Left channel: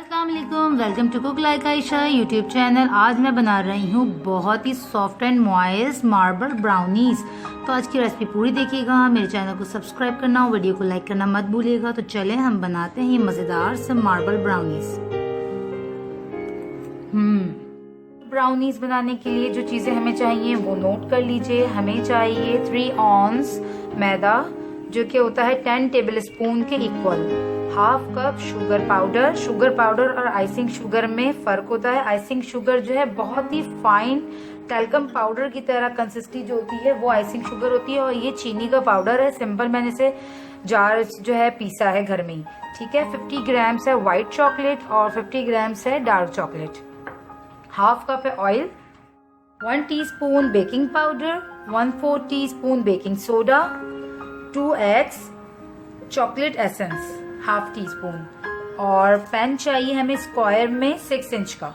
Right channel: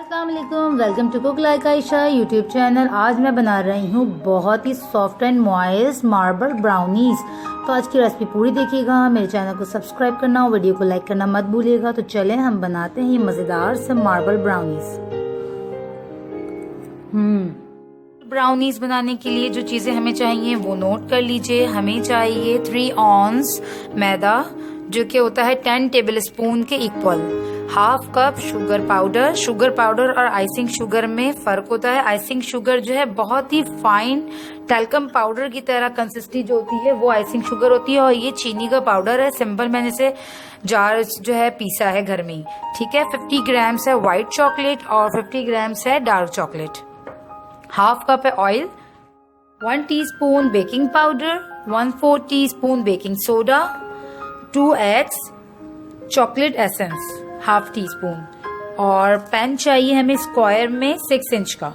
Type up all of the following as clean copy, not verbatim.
अस्सलाम वालेकुम, welcome to cook like Ayesha YouTube channel. आज मैं बना रही हूँ बहुत ही soft and moist marble brownies. तो आज की रेसिपी पूरी देखिएगा। मेरे चैनल को सब्सक्राइब करना और वीडियो को लाइक करना मत भूलिएगा। तो चलें हम बनाते हैं ये मज़ेदार से मार्बल ब्राउनीज़। ब्राउनीज़ बनाने के लिए जो चीज़ें हमें चाहिए वो नोट कर लीजिए। हमें चाहिए 3 ऑन्स मैदा, जो कि होता है 10 टेबल स्पून के equal. Half cup sugar powder और आइसिंग शुगर में फ़र्क होता है। आइसिंग शुगर जो है बहुत ही फाइन टैल्कम पाउडर की तरह कंसिस्टेंसी जो होती है वो आइसिंग शुगर होती है, और ये चीनी का पाउडर है। सिंपल मैंने इसे जार जो है पीसा है घर में ही। ठीक है। 50 ग्राम्स है वाइट चॉकलेट और 50 ग्राम्स है डार्क चॉकलेट। हाफ कप है oil, 1 teaspoon baking powder, 1/4 teaspoon baking soda, 2 eggs, chocolate essence half tea spoon, और पैन चाहिए हमें स्क्वायर में 6 इंच का।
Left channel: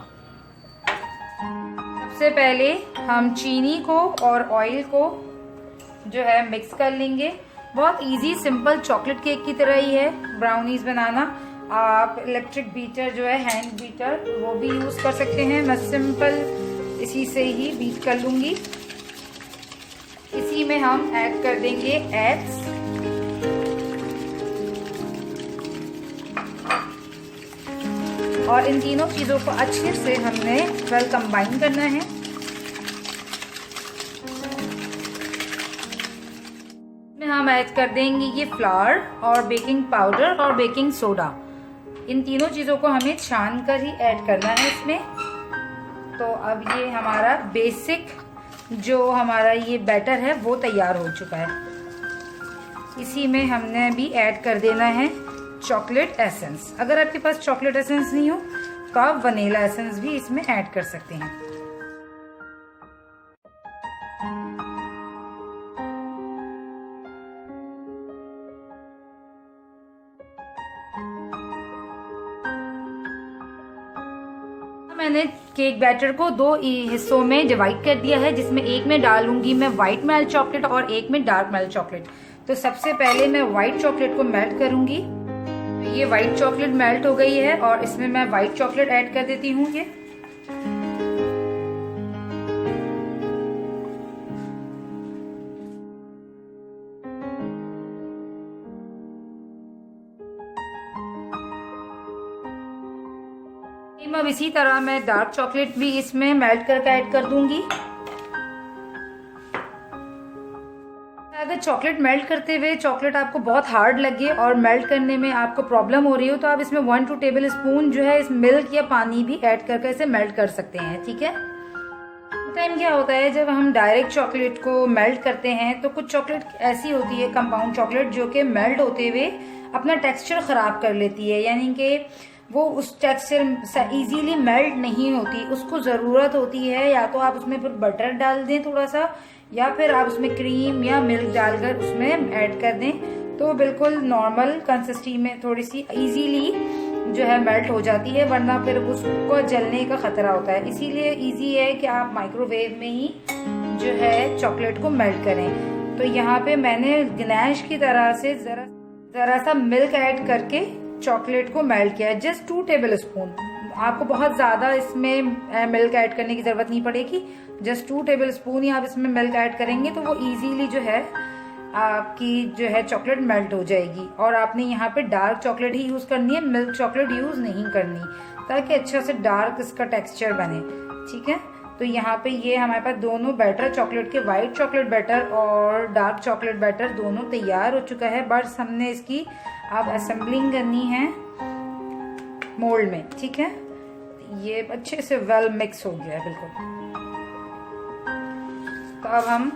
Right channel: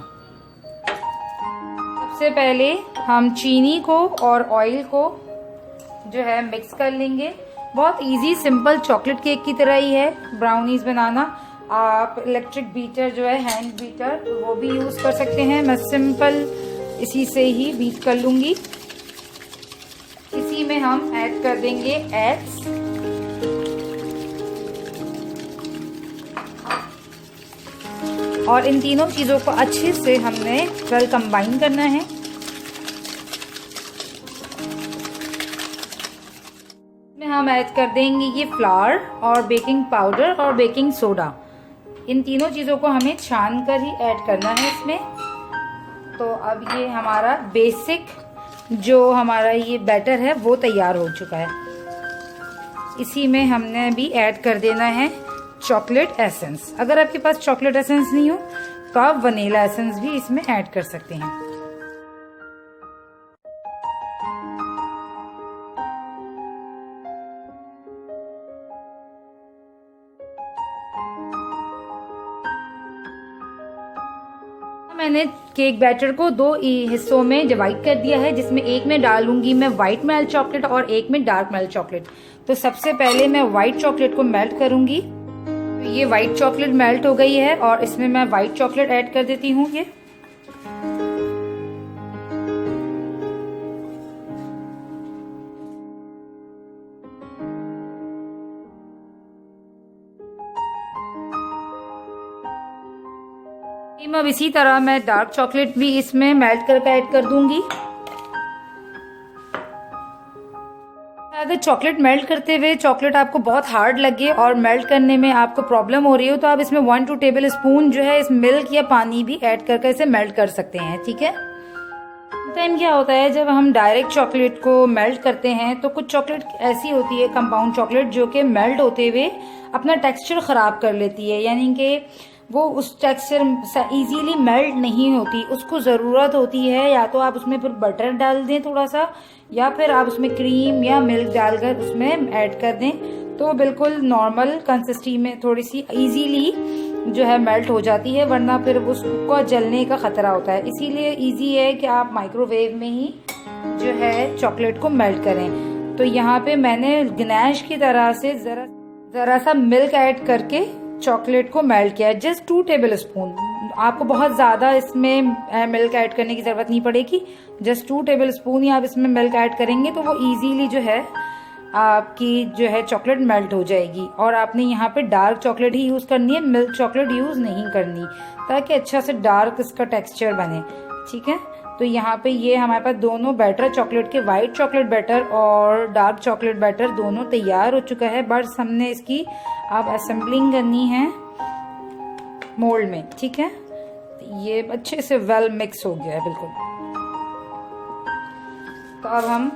सबसे पहले हम चीनी को और ऑयल को जो है मिक्स कर लेंगे। बहुत इजी सिंपल चॉकलेट केक की तरह ही है ब्राउनीज बनाना। आप इलेक्ट्रिक बीटर जो है हैंड बीटर वो भी यूज कर सकते हैं। मैं सिंपल इसी से ही बीट कर लूंगी। इसी में हम ऐड कर देंगे एग्स, और इन तीनों चीजों को अच्छे से हमने वेल कंबाइन करना है। इसमें हम ऐड कर देंगे ये फ्लावर और बेकिंग पाउडर और बेकिंग सोडा। इन तीनों चीजों को हमें छान कर ही ऐड करना है इसमें। तो अब ये हमारा बेसिक जो हमारा ये बैटर है वो तैयार हो चुका है। इसी में हमने भी ऐड कर देना है चॉकलेट एसेंस। अगर आपके पास चॉकलेट एसेंस नहीं हो तो आप वनीला एसेंस भी इसमें ऐड कर सकते हैं। मैंने केक बैटर को 2 हिस्सों में डिवाइड कर दिया है, जिसमें एक में डालूंगी मैं व्हाइट मेल्ट चॉकलेट और एक में डार्क मेल्ट चॉकलेट। तो सबसे पहले मैं व्हाइट चॉकलेट को मेल्ट करूंगी। तो ये व्हाइट चॉकलेट मेल्ट हो गई है और इसमें मैं व्हाइट चॉकलेट ऐड कर देती हूँ। ये अब इसी तरह मैं डार्क चॉकलेट भी इसमें मेल्ट करके ऐड कर दूंगी। अगर चॉकलेट मेल्ट करते हुए चॉकलेट आपको बहुत हार्ड लगे और मेल्ट करने में आपको प्रॉब्लम हो रही हो तो आप इसमें 1-2 टेबल स्पून जो है इस मिल्क या पानी भी ऐड करके इसे मेल्ट कर सकते हैं। ठीक है। टाइम क्या होता है जब हम डायरेक्ट चॉकलेट को मेल्ट करते हैं तो कुछ चॉकलेट ऐसी होती है कंपाउंड चॉकलेट जो कि मेल्ट होते हुए अपना टेक्सचर ख़राब कर लेती है, यानी कि वो उस टेक्सचर इजीली मेल्ट नहीं होती। उसको ज़रूरत होती है या तो आप उसमें फिर बटर डाल दें थोड़ा सा, या फिर आप उसमें क्रीम या मिल्क डालकर उसमें ऐड कर दें तो बिल्कुल नॉर्मल कंसिस्टेंसी में थोड़ी सी इजीली जो है मेल्ट हो जाती है, वरना फिर उसको जलने का खतरा होता है। इसीलिए इजी है कि आप माइक्रोवेव में ही जो है चॉकलेट को मेल्ट करें। तो यहाँ पे मैंने गनैश की तरह से जरा सा मिल्क ऐड करके चॉकलेट को मेल्ट किया है, जस्ट 2 टेबल स्पून। आपको बहुत ज़्यादा इसमें मिल्क ऐड करने की ज़रूरत नहीं पड़ेगी, जस्ट 2 टेबल स्पून ही आप इसमें मिल्क ऐड करेंगे तो वो इजीली जो है आपकी जो है चॉकलेट मेल्ट हो जाएगी। और आपने यहाँ पे डार्क चॉकलेट ही यूज़ करनी है, मिल्क चॉकलेट यूज़ नहीं करनी, ताकि अच्छा से डार्क इसका टेक्सचर बने। ठीक है। तो यहाँ पे ये हमारे पास दोनों बैटर चॉकलेट के, वाइट चॉकलेट बैटर और डार्क चॉकलेट बैटर दोनों तैयार हो चुका है। बस हमने इसकी अब असेंबलिंग करनी है मोल्ड में। ठीक है। ये अच्छे से वेल मिक्स हो गया है बिल्कुल। तो अब हम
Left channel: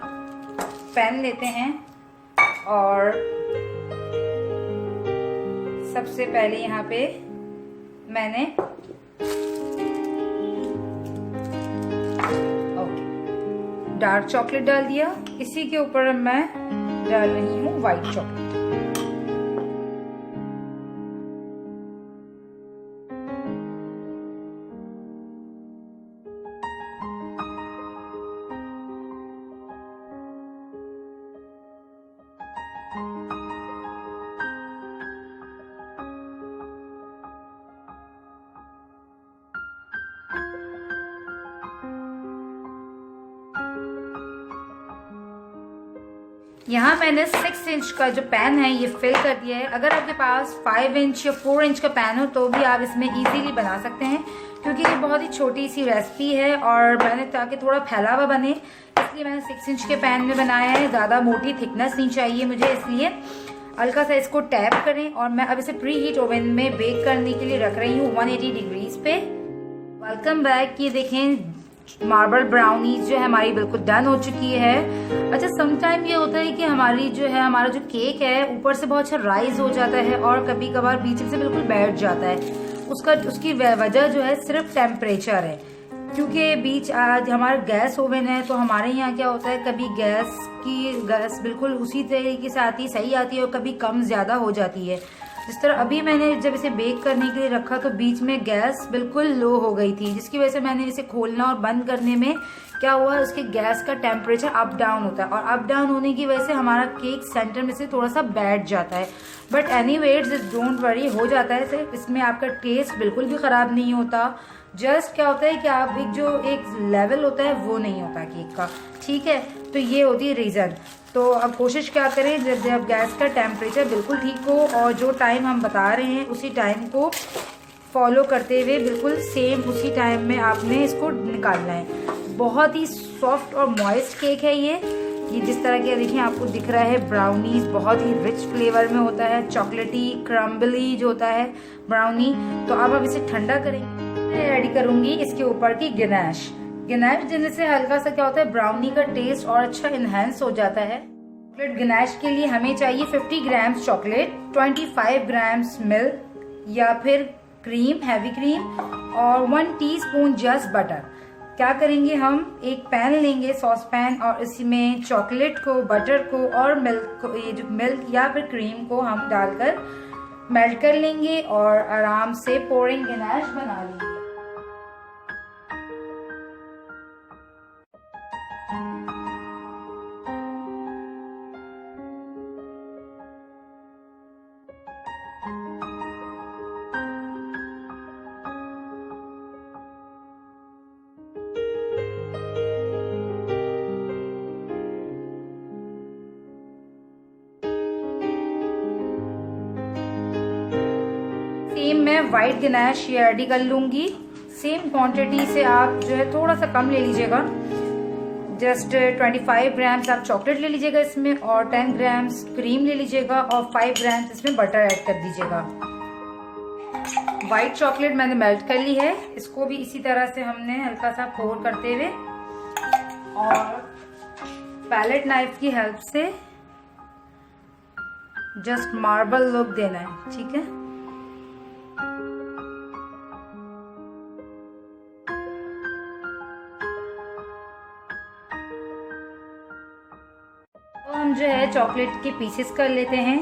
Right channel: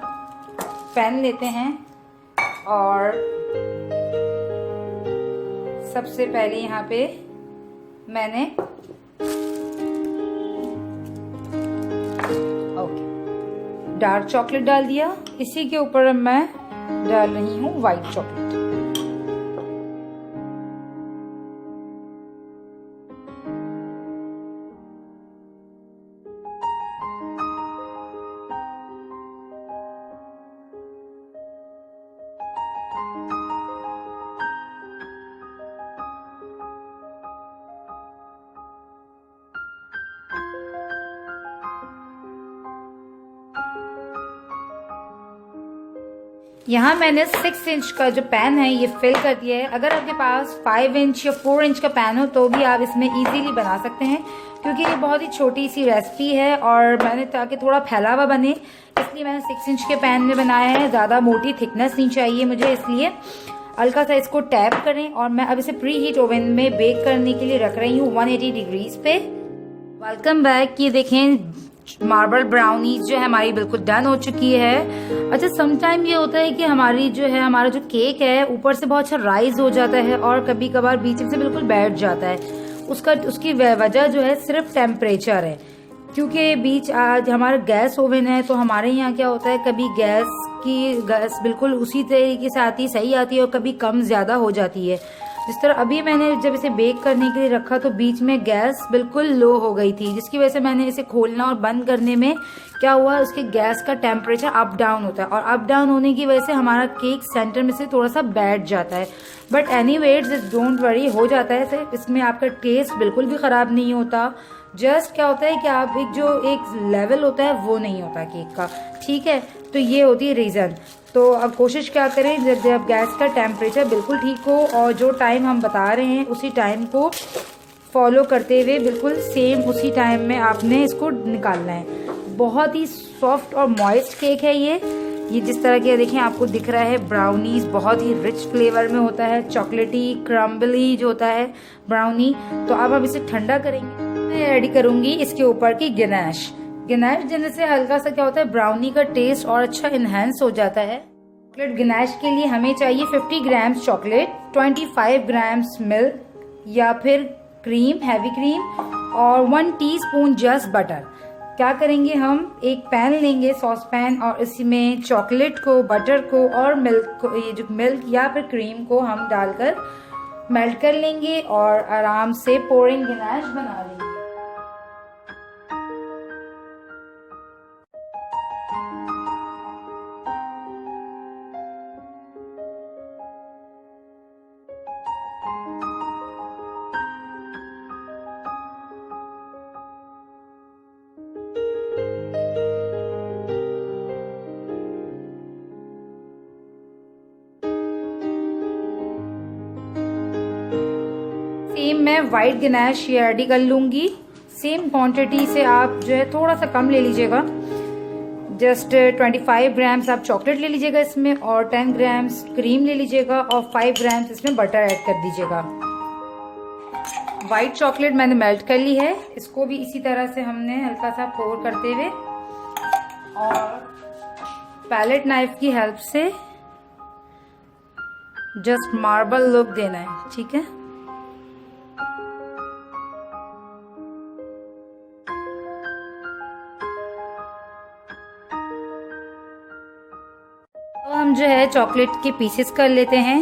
पैन लेते हैं और सबसे पहले यहाँ पे मैंने डार्क चॉकलेट डाल दिया। इसी के ऊपर मैं डाल रही हूँ व्हाइट चॉकलेट। यहाँ मैंने 6 इंच का जो पैन है ये फिल कर दिया है। अगर आपके पास 5 इंच या 4 इंच का पैन हो तो भी आप इसमें इजीली बना सकते हैं, क्योंकि ये बहुत ही छोटी सी रेसिपी है और मैंने ताकि थोड़ा फैला हुआ बने इसलिए मैंने 6 इंच के पैन में बनाया है। ज़्यादा मोटी थिकनेस नहीं चाहिए मुझे, इसलिए हल्का सा इसको टैप करें। और मैं अब इसे प्री हीट ओवन में बेक करने के लिए रख रही हूँ 180 डिग्रीज पे। Welcome back. ये देखें मार्बल ब्राउनीज जो है हमारी बिल्कुल डन हो चुकी है। अच्छा, समटाइम ये होता है कि हमारी जो है हमारा जो केक है ऊपर से बहुत अच्छा राइज हो जाता है और कभी कभार बीच में से बिल्कुल बैठ जाता है। उसकी वजह जो है सिर्फ टेम्परेचर है, क्योंकि बीच आज हमारा गैस ओवन है तो हमारे यहाँ क्या होता है कभी गैस बिल्कुल उसी तरीके से आती है, सही आती है, और कभी कम ज़्यादा हो जाती है। जिस तरह अभी मैंने जब इसे बेक करने के लिए रखा तो बीच में गैस बिल्कुल लो हो गई थी, जिसकी वजह से मैंने इसे खोलना और बंद करने में क्या हुआ, उसके गैस का टेम्परेचर अप डाउन होता है और अप डाउन होने की वजह से हमारा केक सेंटर में से थोड़ा सा बैठ जाता है। बट एनीवेज डोंट वरी, हो जाता है सिर्फ, इसमें आपका टेस्ट बिल्कुल भी ख़राब नहीं होता। जस्ट क्या होता है कि आप एक लेवल होता है वो नहीं होता केक का, ठीक है। तो ये होती है रीज़न। तो अब कोशिश क्या करें, जब गैस का टेम्परेचर बिल्कुल ठीक हो और जो टाइम हम बता रहे हैं उसी टाइम को फॉलो करते हुए बिल्कुल सेम उसी टाइम में आपने इसको निकालना है। बहुत ही सॉफ्ट और मॉइस्ट केक है ये जिस तरह के देखिए आपको दिख रहा है ब्राउनीज बहुत ही रिच फ्लेवर में होता है, चॉकलेटी क्रम्बली जो होता है ब्राउनी। तो अब हम इसे ठंडा करेंगे। मैं रेडी करूंगी इसके ऊपर की गनाश देने से हल्का सा क्या होता है ब्राउनी का टेस्ट और अच्छा इनहेंस हो जाता है। चॉकलेट गनाश के लिए हमें चाहिए 50 ग्राम्स चॉकलेट, 25 ग्राम्स मिल्क या फिर क्रीम, हैवी क्रीम, और 1 टीस्पून जस्ट बटर। क्या करेंगे, हम एक पैन लेंगे, सॉस पैन, और इसमें चॉकलेट को, बटर को और मिल्क को, ये जो मिल्क या फिर क्रीम को हम डालकर मेल्ट कर लेंगे और आराम से पोरिंग गनाश बना लेंगे। सेम मैं वाइट गनाश ये रेडी कर लूँगी। सेम क्वांटिटी से आप जो है थोड़ा सा कम ले लीजिएगा, जस्ट 25 ग्राम्स आप चॉकलेट ले लीजिएगा इसमें, और 10 ग्राम्स क्रीम ले लीजिएगा और 5 ग्राम्स इसमें बटर ऐड कर दीजिएगा। वाइट चॉकलेट मैंने मेल्ट कर ली है, इसको भी इसी तरह से हमने हल्का सा पोर करते हुए और पैलेट नाइफ की हेल्प से जस्ट मार्बल लुक देना है, ठीक है। तो हम जो है चॉकलेट के पीसेस कर लेते हैं।